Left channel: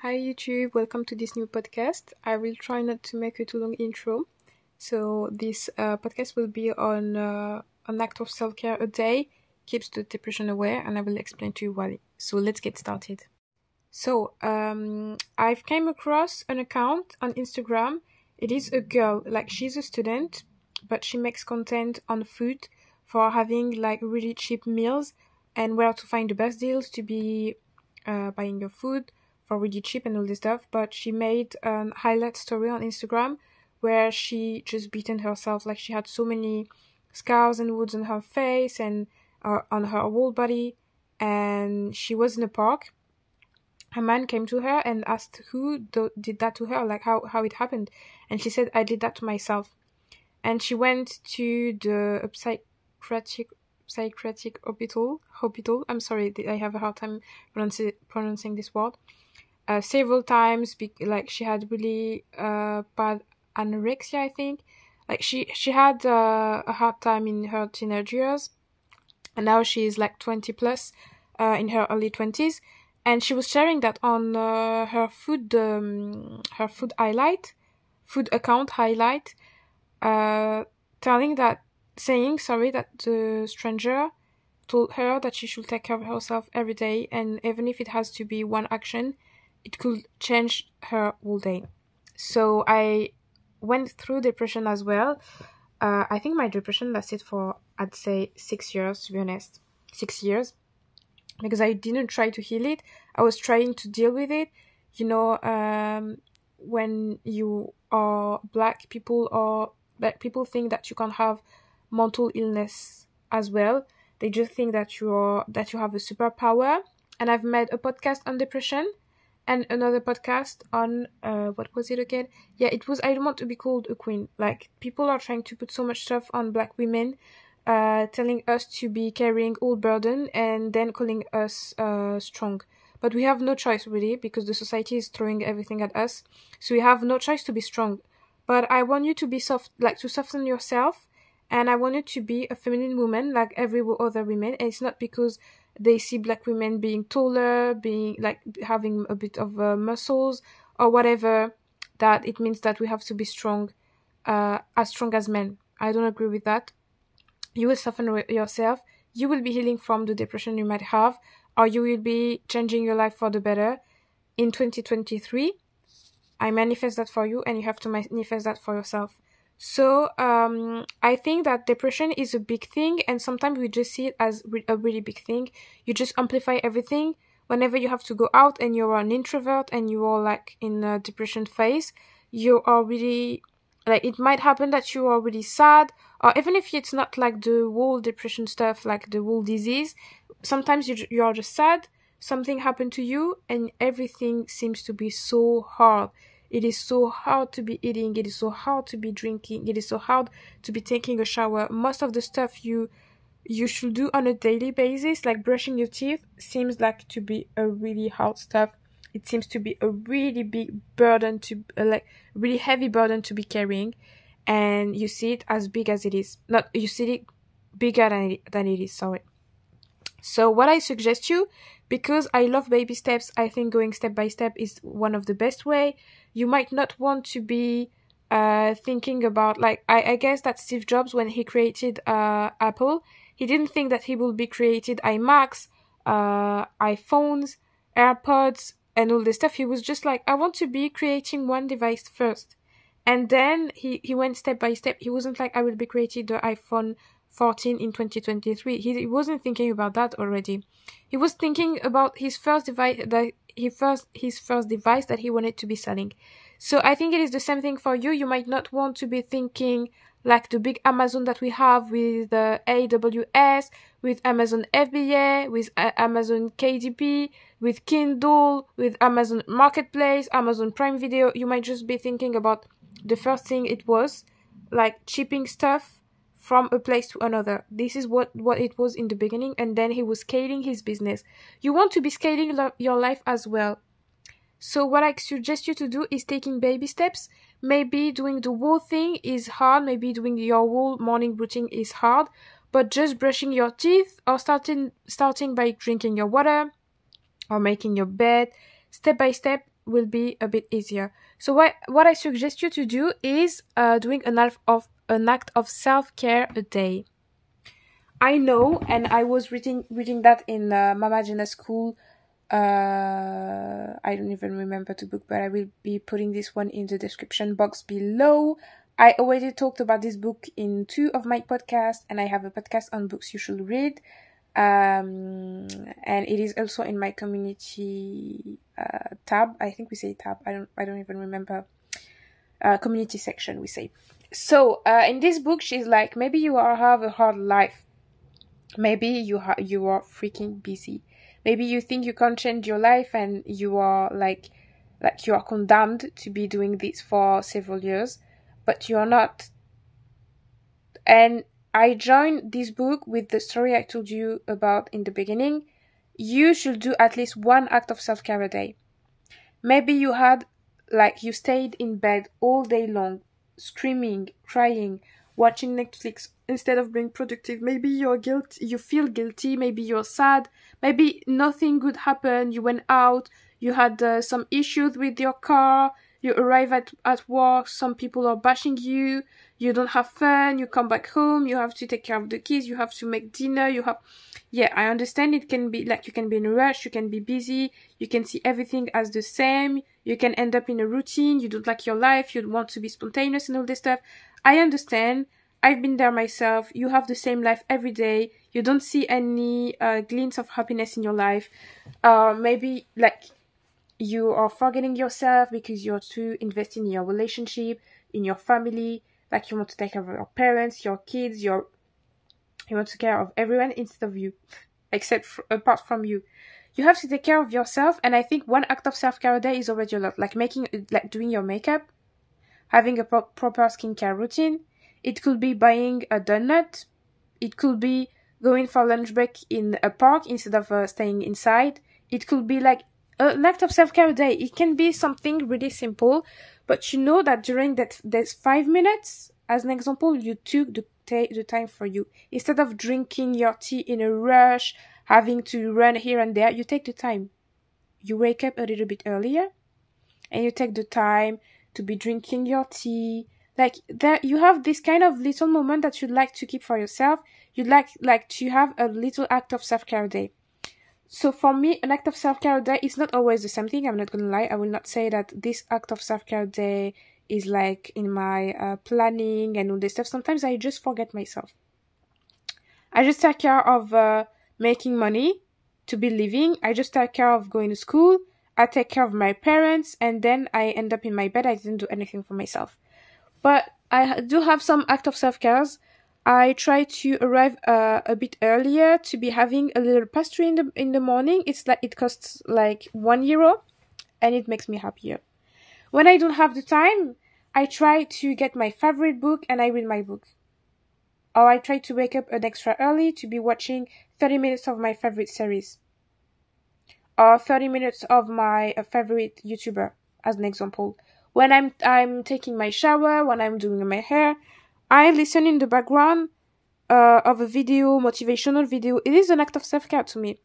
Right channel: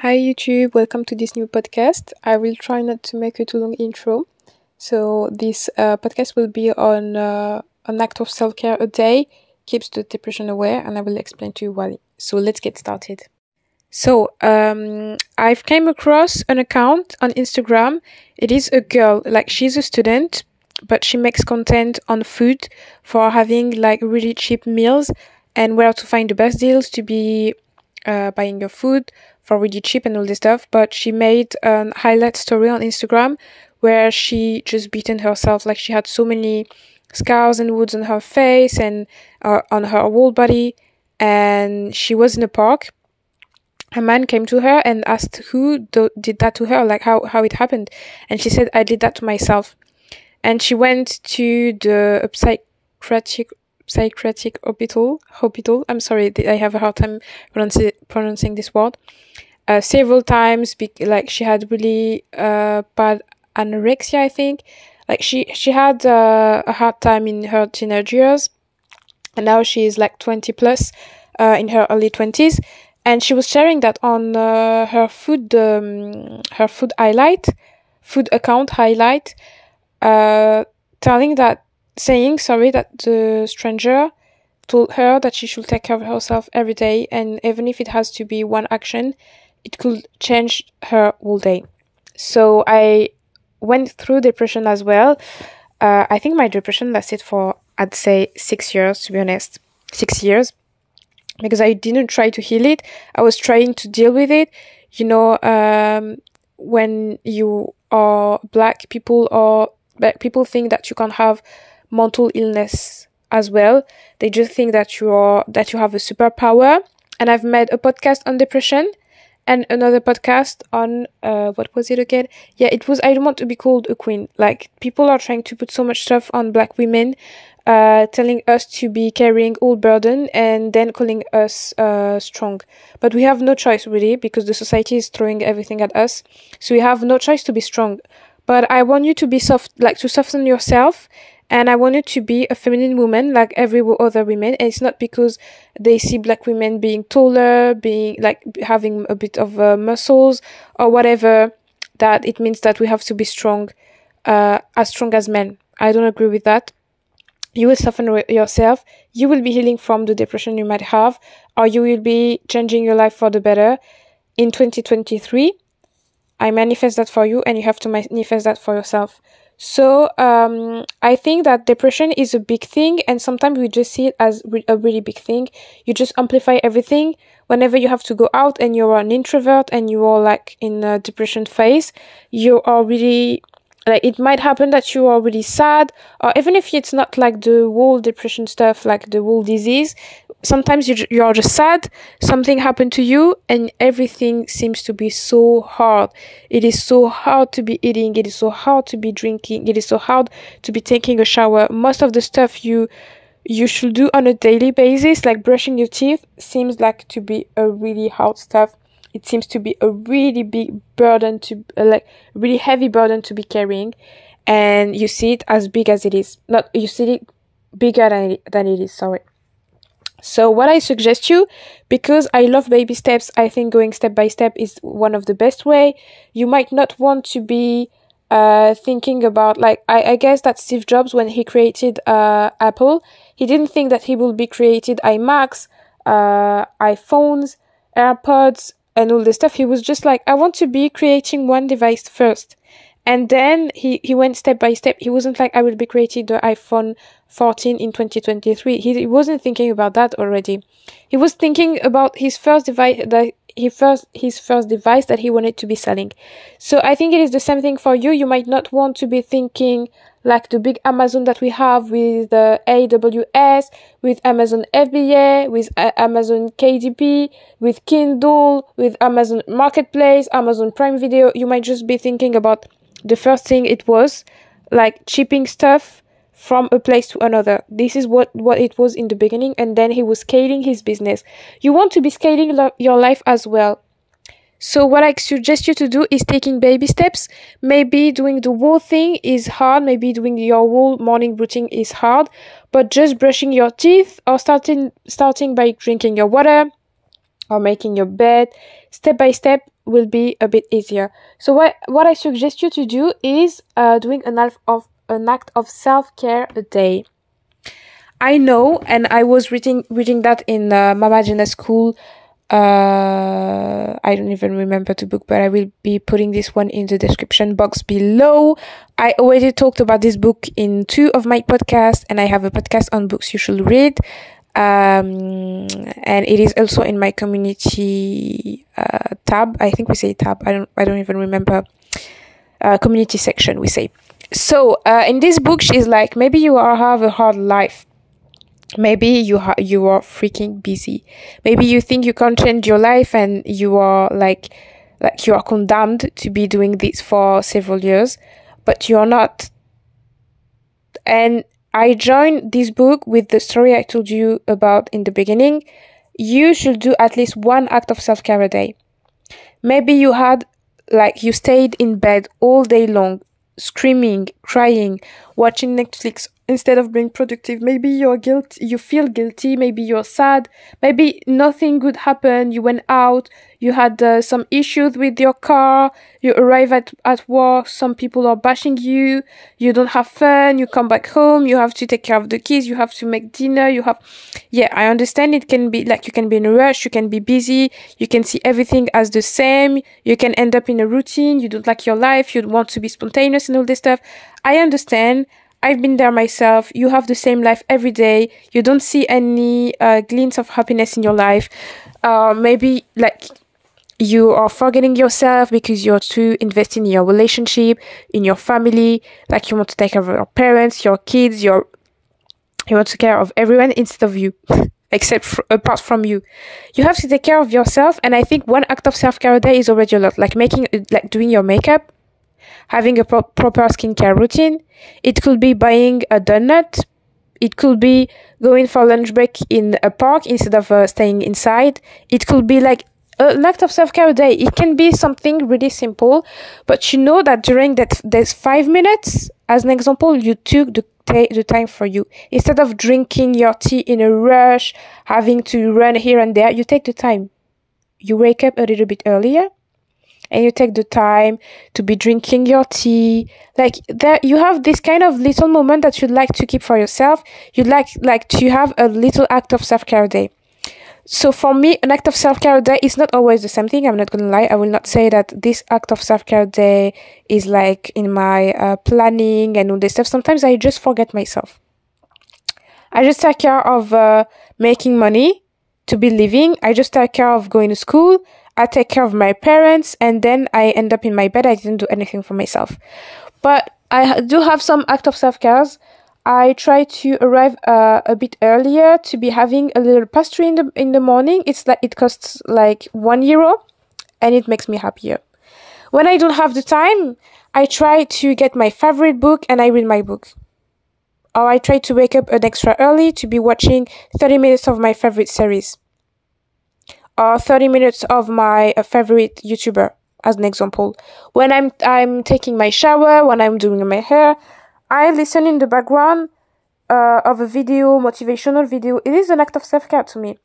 Hi YouTube, welcome to this new podcast. I will try not to make a too long intro. So this podcast will be on an act of self-care a day, keeps the depression away, and I will explain to you why. So let's get started. So I've came across an account on Instagram. It is a girl, like she's a student, but she makes content on food for having like really cheap meals and where to find the best deals to be buying your food for really cheap and all this stuff. But she made a highlight story on Instagram where she just beaten herself. Like she had so many scars and wounds on her face and on her whole body. And she was in a park. A man came to her and asked who did that to her, like how it happened. And she said, I did that to myself. And she went to the psychiatric hospital. I'm sorry, I have a hard time pronouncing this word. Several times, like she had really bad anorexia, I think. Like she had a hard time in her teenage years, and now she is like 20 plus, in her early 20s, and she was sharing that on her food account highlight, saying that the stranger told her that she should take care of herself every day, and even if it has to be one action, it could change her whole day. So I went through depression as well. I think my depression lasted for, I'd say, 6 years, to be honest. 6 years. Because I didn't try to heal it. I was trying to deal with it. When you are black people think that you can have mental illness as well. They just think that you have a superpower. And I've made a podcast on depression and another podcast on what was it again? Yeah, it was I don't want to be called a queen. Like people are trying to put so much stuff on black women, telling us to be carrying all burden and then calling us strong. But we have no choice really, because the society is throwing everything at us. So we have no choice to be strong. But I want you to be soft, like to soften yourself. And I want you to be a feminine woman like every other woman. And it's not because they see black women being taller, being like having a bit of muscles or whatever, that it means that we have to be strong as men. I don't agree with that. You will soften yourself. You will be healing from the depression you might have, or you will be changing your life for the better in 2023. I manifest that for you, and you have to manifest that for yourself. So I think that depression is a big thing, and sometimes we just see it as a really big thing. You just amplify everything. Whenever you have to go out and you're an introvert and you are like in a depression phase, you are really, like it might happen that you are really sad, or even if it's not like the whole depression stuff, like the whole disease, sometimes you are just sad, something happened to you, and everything seems to be so hard. It is so hard to be eating, it is so hard to be drinking, it is so hard to be taking a shower. Most of the stuff you should do on a daily basis, like brushing your teeth, seems like to be a really hard stuff. It seems to be a really big burden really heavy burden to be carrying, and you see it as big as it is. You see it bigger than it is, sorry. So what I suggest you, because I love baby steps, I think going step by step is one of the best way. You might not want to be thinking about, like, I guess that Steve Jobs, when he created Apple, he didn't think that he would be created iMacs, iPhones, AirPods, and all this stuff. He was just like, I want to be creating one device first. And then he went step by step. He wasn't like, I will be creating the iPhone 14 in 2023. He wasn't thinking about that already. He was thinking about his first device that he wanted to be selling. So I think it is the same thing for you. You might not want to be thinking like the big Amazon that we have with the AWS, with Amazon FBA, with Amazon KDP, with Kindle, with Amazon Marketplace, Amazon Prime Video. You might just be thinking about the first thing it was, like shipping stuff from a place to another. This is what it was in the beginning, and then he was scaling his business. You want to be scaling your life as well. So what I suggest you to do is taking baby steps. Maybe doing the whole thing is hard. Maybe doing your whole morning routine is hard. But just brushing your teeth, or starting by drinking your water, or making your bed, step by step will be a bit easier. So what I suggest you to do is doing an act of self-care a day. I know, and I was reading that in Mama Jenna's school. I don't even remember the book, but I will be putting this one in the description box below. I already talked about this book in 2 of my podcasts, and I have a podcast on books you should read. And it is also in my community tab. I think we say tab. I don't even remember. Community section we say. So in this book, she's like, maybe you have a hard life. Maybe you are freaking busy. Maybe you think you can't change your life, and you are like you are condemned to be doing this for several years, but you're not. And I joined this book with the story I told you about in the beginning. You should do at least 1 act of self-care a day. Maybe you stayed in bed all day long, screaming, crying, watching Netflix instead of being productive. Maybe you feel guilty, maybe you're sad, maybe nothing good happened, you went out, you had some issues with your car, you arrive at work, some people are bashing you, you don't have fun, you come back home, you have to take care of the kids, you have to make dinner, I understand it can be like you can be in a rush, you can be busy, you can see everything as the same, you can end up in a routine, you don't like your life, you want to be spontaneous and all this stuff. I understand. I've been there myself. You have the same life every day. You don't see any glints of happiness in your life. Maybe you are forgetting yourself because you're too invested in your relationship, in your family. Like you want to take care of your parents, your kids, you want to take care of everyone instead of you, apart from you. You have to take care of yourself, and I think 1 act of self-care a day is already a lot. Like doing your makeup, having a proper skincare routine. It could be buying a donut. It could be going for lunch break in a park instead of staying inside. It could be like an act of self-care a day. It can be something really simple, but you know that during there's 5 minutes, as an example, you took the time for you. Instead of drinking your tea in a rush, having to run here and there, you take the time. You wake up a little bit earlier, and you take the time to be drinking your tea. Like there, you have this kind of little moment that you'd like to keep for yourself. You'd like to have a little act of self-care a day. So for me, an act of self-care a day is not always the same thing. I'm not gonna lie. I will not say that this act of self-care a day is like in my planning and all this stuff. Sometimes I just forget myself. I just take care of making money to be living. I just take care of going to school. I take care of my parents, and then I end up in my bed. I didn't do anything for myself. But I do have some act of self-care. I try to arrive a bit earlier to be having a little pastry in the morning. It costs like €1, and it makes me happier. When I don't have the time, I try to get my favorite book and I read my book. Or I try to wake up an extra early to be watching 30 minutes of my favorite series. Or 30 minutes of my favorite YouTuber, as an example. When I'm taking my shower, when I'm doing my hair, I listen in the background of a video, motivational video. It is an act of self-care to me.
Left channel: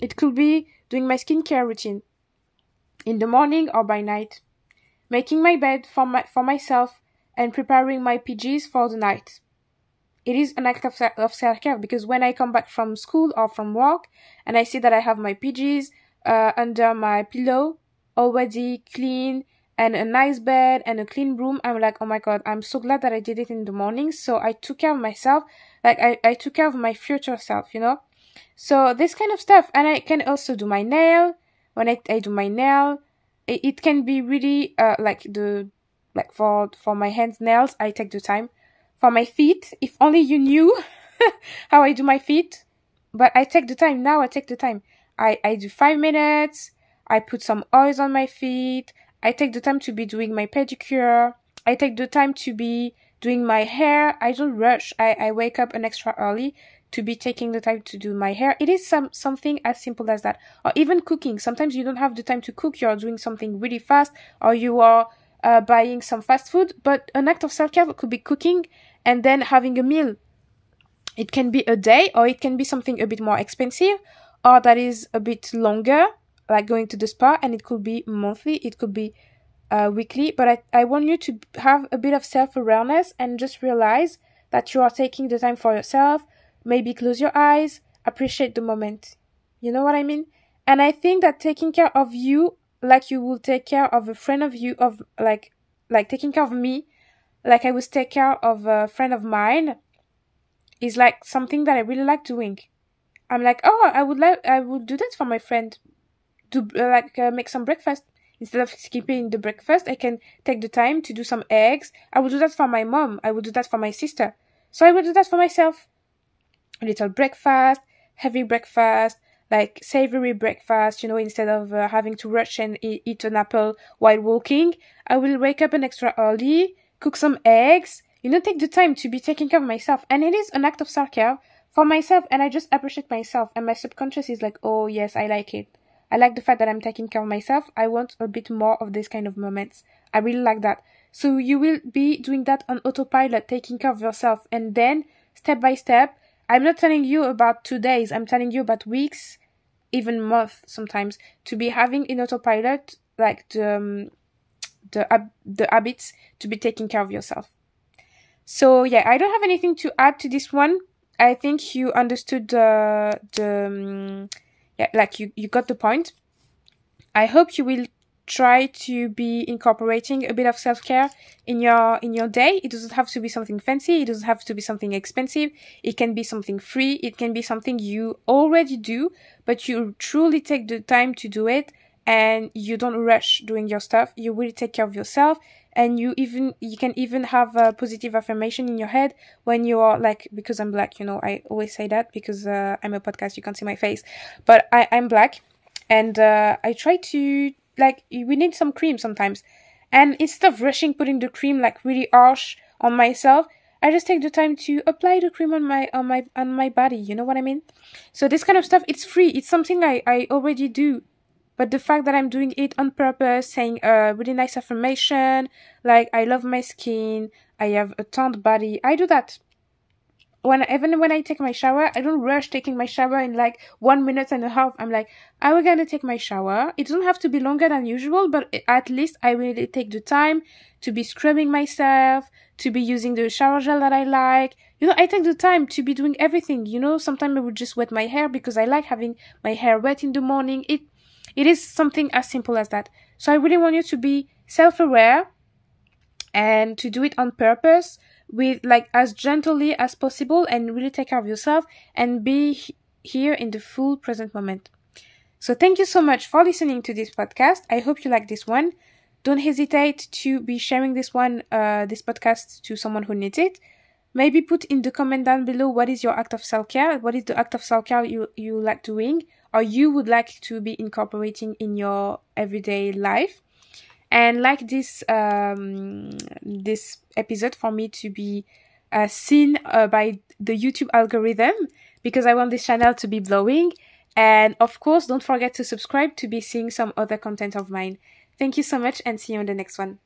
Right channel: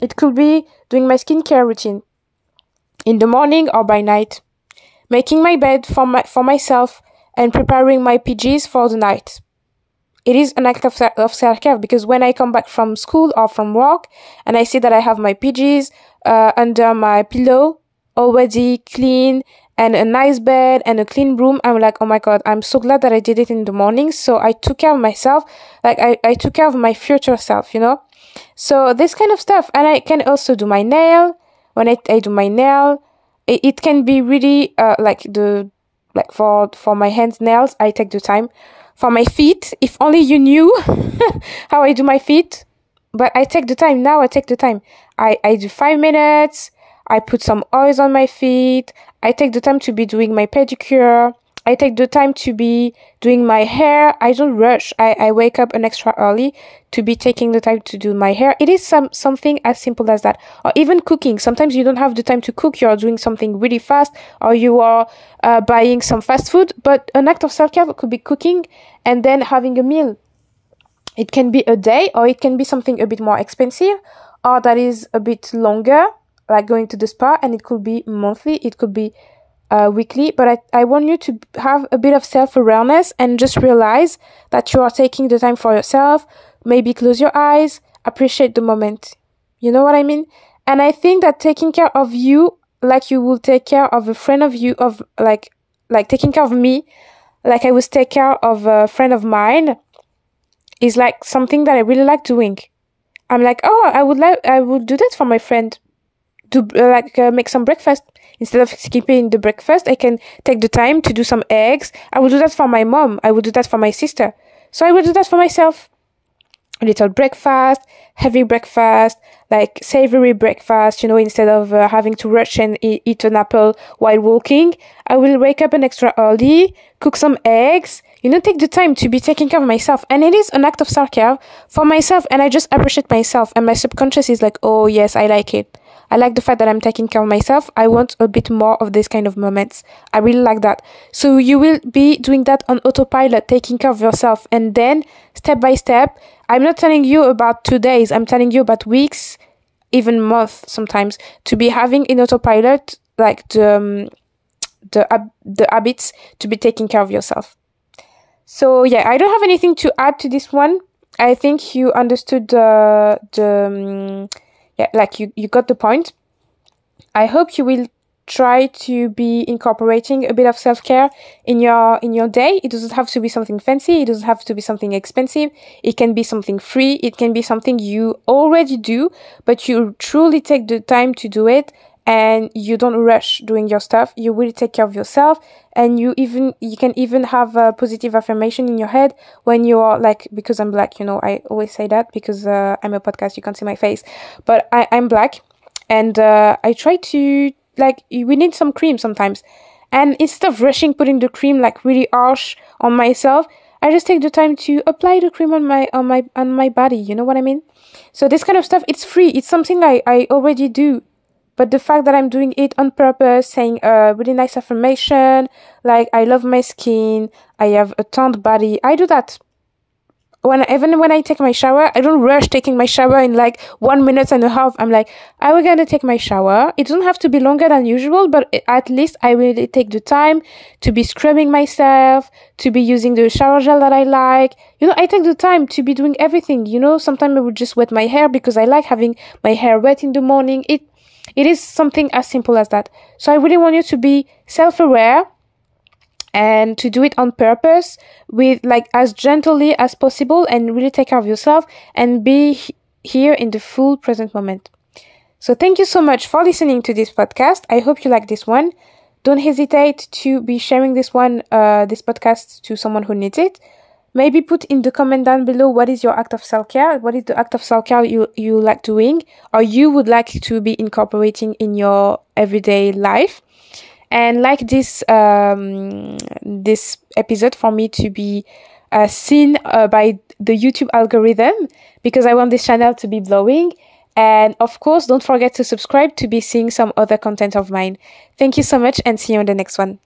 It could be doing my skincare routine in the morning or by night, making my bed for myself, and preparing my PJs for the night. It is an act of self-care, because when I come back from school or from work and I see that I have my PJs under my pillow already clean and a nice bed and a clean room, I'm like, oh my God, I'm so glad that I did it in the morning. So I took care of myself. Like I took care of my future self, you know? So this kind of stuff. And I can also do my nail. When I do my nail, it can be really for my hands nails, I take the time. For my feet, if only you knew how I do my feet. But I take the time. Now I take the time. I do 5 minutes. I put some oils on my feet. I take the time to be doing my pedicure. I take the time to be doing my hair. I don't rush. I wake up an extra early to be taking the time to do my hair. It is something as simple as that. Or even cooking. Sometimes you don't have the time to cook. You're doing something really fast, or you are buying some fast food. But an act of self-care could be cooking and then having a meal. It can be a day, or it can be something a bit more expensive, or that is a bit longer. like going to the spa, and it could be monthly, it could be weekly, but I want you to have a bit of self-awareness and just realize that you are taking the time for yourself. Maybe close your eyes, appreciate the moment. You know what I mean? And I think that taking care of you, like you will take care of a friend of you, of like taking care of me, like I would take care of a friend of mine, is like something that I really like doing. I'm like, oh, I would do that for my friend. To make some breakfast. Instead of skipping the breakfast, I can take the time to do some eggs. I would do that for my mom. I would do that for my sister. So I would do that for myself. A little breakfast, heavy breakfast, like savory breakfast, instead of having to rush and eat an apple while walking. I will wake up an extra early, cook some eggs, take the time to be taking care of myself. And it is an act of self-care for myself, and I just appreciate myself. And my subconscious is like, oh yes, I like it. I like the fact that I'm taking care of myself. I want a bit more of this kind of moments. I really like that. So you will be doing that on autopilot, taking care of yourself. And then, step by step, I'm not telling you about 2 days. I'm telling you about weeks, even months sometimes, to be having in autopilot, like the habits to be taking care of yourself. So yeah, I don't have anything to add to this one. I think you understood you got the point. I hope you will try to be incorporating a bit of self-care in your day. It doesn't have to be something fancy. It doesn't have to be something expensive. It can be something free. It can be something you already do, but you truly take the time to do it, and you don't rush doing your stuff. You really take care of yourself, and you can even have a positive affirmation in your head when you are like, because I'm black, I always say that because I'm a podcast, you can't see my face, but I'm black, and I try to, like, we need some cream sometimes, and instead of rushing putting the cream like really harsh on myself, I just take the time to apply the cream on my body. You know what I mean? So this kind of stuff, it's free. It's something I already do. But the fact that I'm doing it on purpose, saying a really nice affirmation, like I love my skin, I have a toned body, I do that. Even when I take my shower, I don't rush taking my shower in like 1 minute and a half. I'm like, I will gonna take my shower. It doesn't have to be longer than usual, but at least I will take the time to be scrubbing myself, to be using the shower gel that I like. I take the time to be doing everything. Sometimes I would just wet my hair because I like having my hair wet in the morning. It is something as simple as that. So I really want you to be self-aware and to do it on purpose, with like as gently as possible, and really take care of yourself and be here in the full present moment. So thank you so much for listening to this podcast. I hope you like this one. Don't hesitate to be sharing this podcast to someone who needs it. Maybe put in the comment down below, what is your act of self-care? What is the act of self-care you like doing, or you would like to be incorporating in your everyday life? And like this episode for me to be seen by the YouTube algorithm, because I want this channel to be blowing. And of course, don't forget to subscribe to be seeing some other content of mine. Thank you so much, and see you on the next one.